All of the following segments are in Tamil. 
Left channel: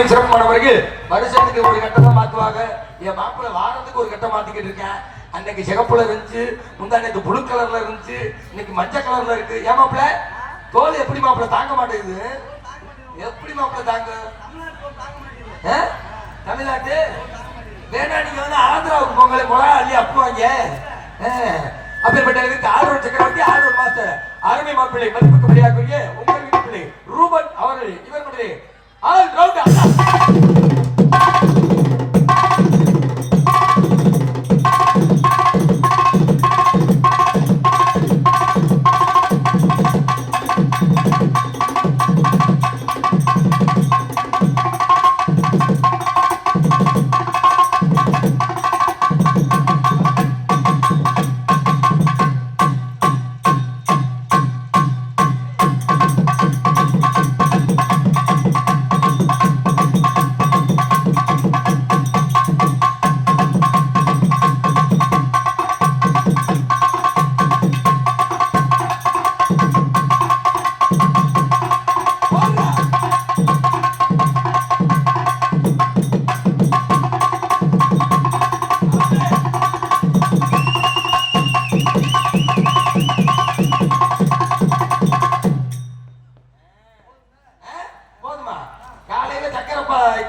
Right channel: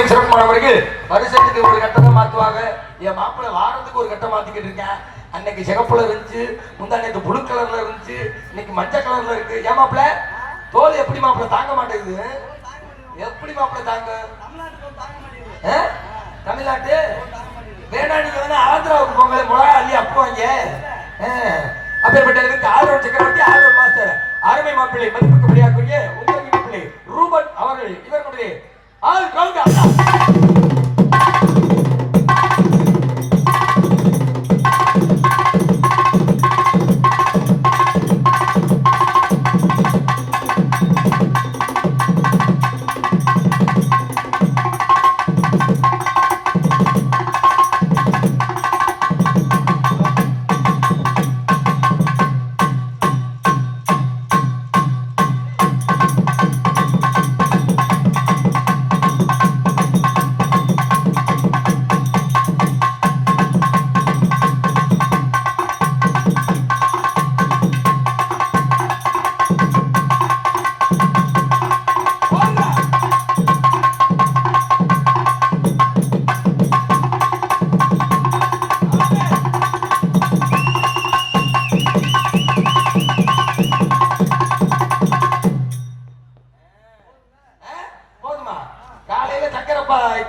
சீரும் சிறப்பானவர்கள் வருஷத்துக்கு ஒரு கட்டத்தை மாற்றுவாங்க மாத்துவாங்க. என் மாப்பிள்ளை வாரத்துக்கு ஒரு கட்டம் மாற்றிக்கிட்டு இருக்கேன். அன்னைக்கு சிகப்புல இருந்துச்சு உந்த அன்னைக்கு புளு கலர்ல இருந்துச்சு இன்னைக்கு மஞ்சள் கலர்ல இருக்கு. ஏன் மாப்பிள்ள? தோல் எப்படி மாப்பிள்ளை? தாங்க மாட்டேங்குது. எப்படி மாப்பிள்ளை தாங்க? தமிழ்நாட்டு? வேணா நீங்க வந்து ஆந்திராவுக்கு பொங்கலை போல அள்ளி அப்புவாங்க அப்பேற்பட்டதுக்கு ஆர்வம் சக்கரவர்த்தி ஆர்வம் மாஸ்டர். அருமை மாப்பிள்ளை மதிப்புக்கு வெளியாகக்கூடிய உங்கள் பிள்ளை ரூபன் அவர்கள். இவர்களுடைய 好 유, 그.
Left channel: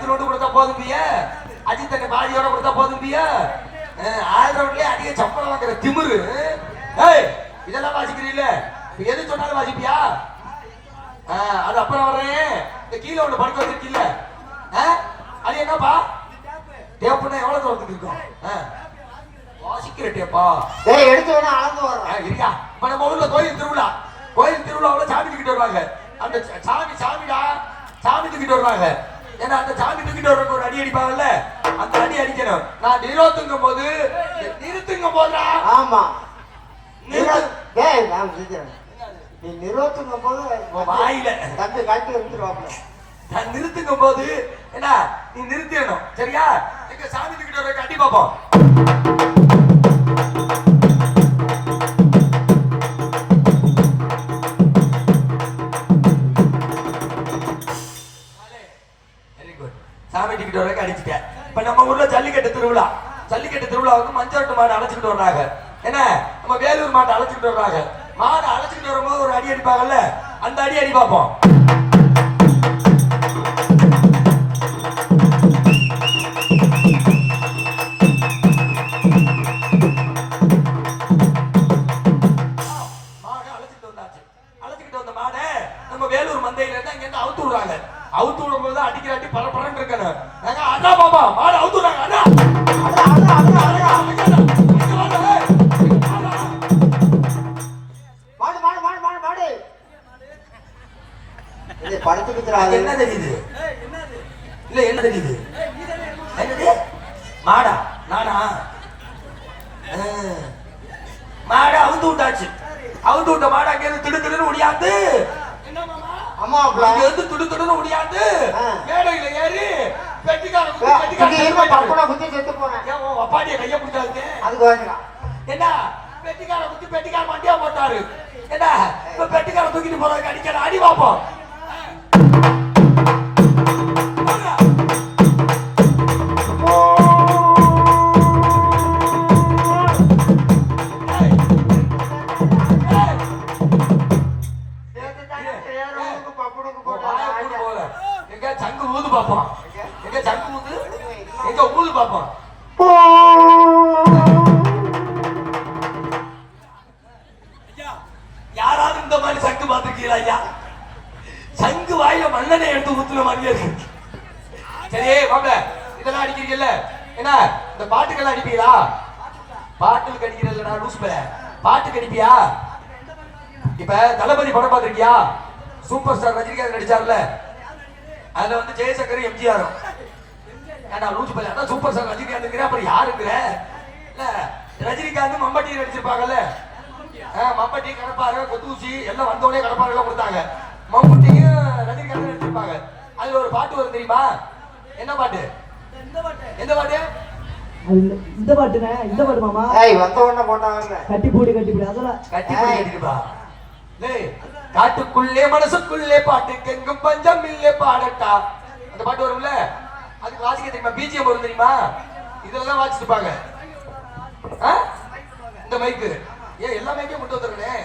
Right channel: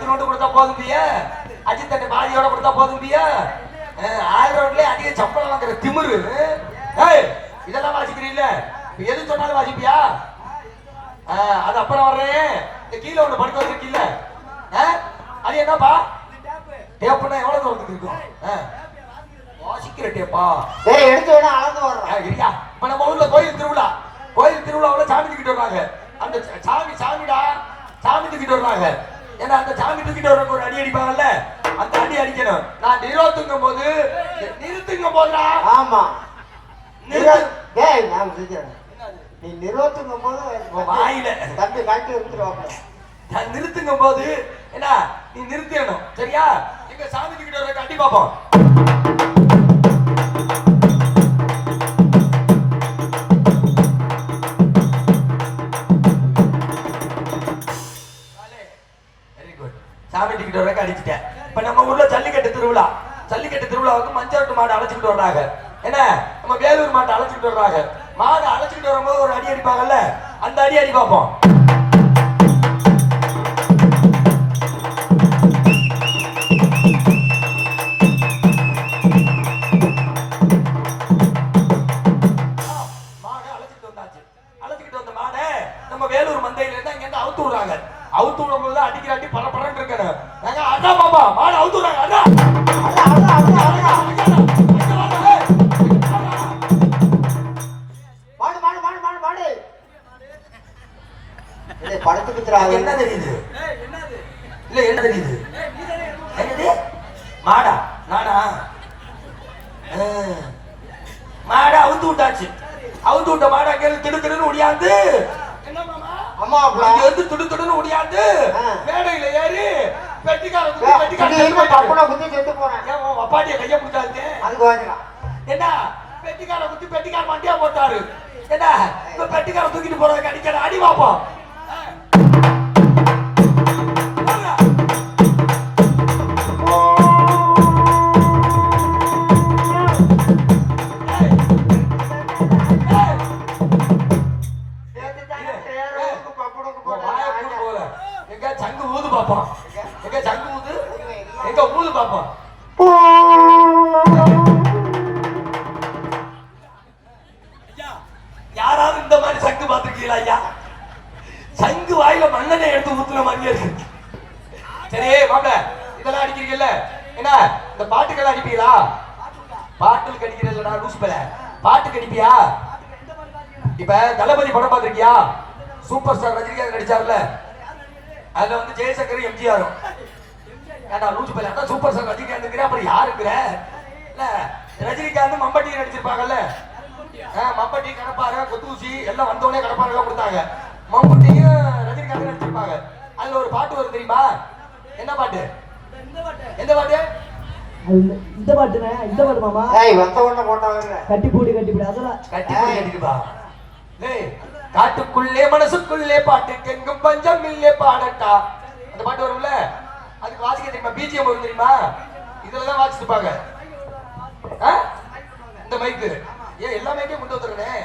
இத்தினோண்டு கொடுத்தா போதும் பியா அஜித் தண்ணி பாதியோட கொடுத்தா போதும் பியா ஆள் ரோட்லயே அடிய சம்பளம் வாங்குற திமிரு. ஏய் இதெல்லாம் வாசிக்கிறீல்ல? எது சொன்னாலும் வாசிப்பியா? அது அப்புறம் வர்றேன். இந்த கீழே ஒண்ணு படுக்க வச்சிருக்கீல்ல? அது என்னப்பா? டேப்புனா எவ்வளவு தூரத்துக்கு இருக்கும்? ஆ. வாசிக்கிற டேப்பா. டேய் எடுத்து வேணா அளந்து வர்றோம் ஆ, இருயா இப்ப நம்ம ஊர்ல கோயில் திருவிழா. கோயில் திருவிழாவுல சாமி தூக்கிட்டு வருவாங்க. அந்த சாமி சாமிடா. சாமி தூக்கிட்டு வருவாங்க. ஏன்னா அந்த சாமி தூக்கிட்டு வரவங்க ஒரு அடி அடிப்பாங்கல்ல அந்த அடி அடிக்கணும். நான் நிறுத்துங்கும் போது நிறுத்துங்கும் போதுடா ஆமா. நீ நிறுவத்துங்கும் போது வாயில. தம்பி காட்டி எடுத்துருவாப்ல. நான் நிறுத்துங்கும் போது என்ன நீ நிறுத்திடணும். சரியா? எங்க சாமி தூக்கிட்டு வர அடி பார்ப்போம் சாமி டிக்கெட் வரைக்கும் அடிச்சுட்டேன். இப்ப நம்ம ஊர்ல ஜல்லிக்கட்டு திருவிழா. ஜல்லிக்கட்டு திருவிழாவுக்கு மஞ்சள் மாடு அழைச்சிட்டு வர்றாங்க. என்ன? நம்ம வேலூர் மாட்டை அழைச்சிட்டு வர்றாங்க. மாடு அழைச்சிட்டு வரும்போது ஒரு அடி அடிப்பாங்கல்ல? அந்த அடி அடி பார்ப்போம். மாடை அழைச்சிட்டு வந்தாச்சு. அழைச்சிட்டு வந்த மாடை நம்ம வேலூர் மந்தையில இருந்து அங்க இருந்து அவுத்து விடுறாங்க. அவுத்து விடும் போது அடிக்கிற அடி பரபரன்னு இருக்கணும் நாங்க அண்ணா பாப்பா மாடை அவுத்து விடுறாங்க அண்ணா. படத்துக்கு என்ன தெரியுது? இல்ல என்ன தெரியுது? என்னது? மாடா நாடா ஆ. மாடை அவுத்து விட்டாச்சு. அவுத்து விட்ட மாடை அங்க இருந்து திடு அம்மாப்ல இங்க இருந்து துடு துடுன்னு ஒடியாந்து ஆ. மேடையில ஏறி செத்து போயிட்டாரு. பப்பனை குத்தி செத்து போனேன். ஏன் உன் அப்பாடிய கைய பிடிச்சாச்சு அதுக்கு வாங்கிக்கலாம். என்ன? பெட்டிக்கார குத்தி பெட்டிக்கார மண்டியா போட்டாரு. என்ன? பெட்டிக்கார தூக்கிட்டு போறதுக்கு அடிக்கிற அடி பாப்போம். எங்க சங்கு ஊது பாப்போம். எங்க சங்கு ஊது? எங்க ஊது பாப்போம். யாராவது இந்த மாதிரி சங்கு பார்த்திருக்கீங்களா ஐயா? சங்கு வாயில மண்ணெண்ணை எடுத்து ஊத்துன மாதிரியே இருக்கு. சரி வாங்க இதெல்லாம் அடிக்கிறீங்கல்ல? என்ன இந்த பாட்டுக்கெல்லாம் அடிப்பீங்களா? பாட்டுக்கு அடிக்கிறீங்களா பேர பாட்டுக்கு அடிப்பியா இப்ப தளபதி படம் பார்த்திருக்கியா? சூப்பர் ஸ்டார் ரஜினிகாந்த் நடிச்சார்ல? அதுல வந்து ஜெயசங்கர் எம்ஜிஆர் ஏண்டா பேர் அதான் சூப்பர் ஸ்டார் ரஜினிகாந்த் அப்புறம் யாருங்கிற? இல்ல ரஜினிகாந்த் மம்பட்டி நடிச்சிருப்பாங்கல்ல? மம்பட்டி கடப்பாரு கொத்தூசி எல்லாம் வந்தவொடனே கடப்பாரு எல்லாம் கொடுத்தாங்க. மம்பட்டியும் ரஜினிகாந்த் நடிச்சிருப்பாங்க. அதுல ஒரு பாட்டு வரும் தெரியுமா? என்ன பாட்டு? எந்த பாட்டு? இந்த- பாட்டுனே இந்த பாட்டு மாமா. ஏய் வந்த உடனே போட்டவங்க கட்டி போடு கட்டி போடு அதெல்லாம். கட்டி போட்டு கட்டிருப்பா டேய் காட்டுக்குள்ளே மனசுக்குள்ளே பாட்டுக்கு எங்கும் பஞ்சம் இல்லே பாடட்டா. அந்த பாட்டு வரும்ல? அதுக்கு வாசிக்க தெரியுமா? பிஜிஎம் வரும் தெரியுமா? இதுல தான் ஆ? இந்த மைக்கு ஏன் எல்லா மைக்கையும் கொண்டு வந்துடுறேன்.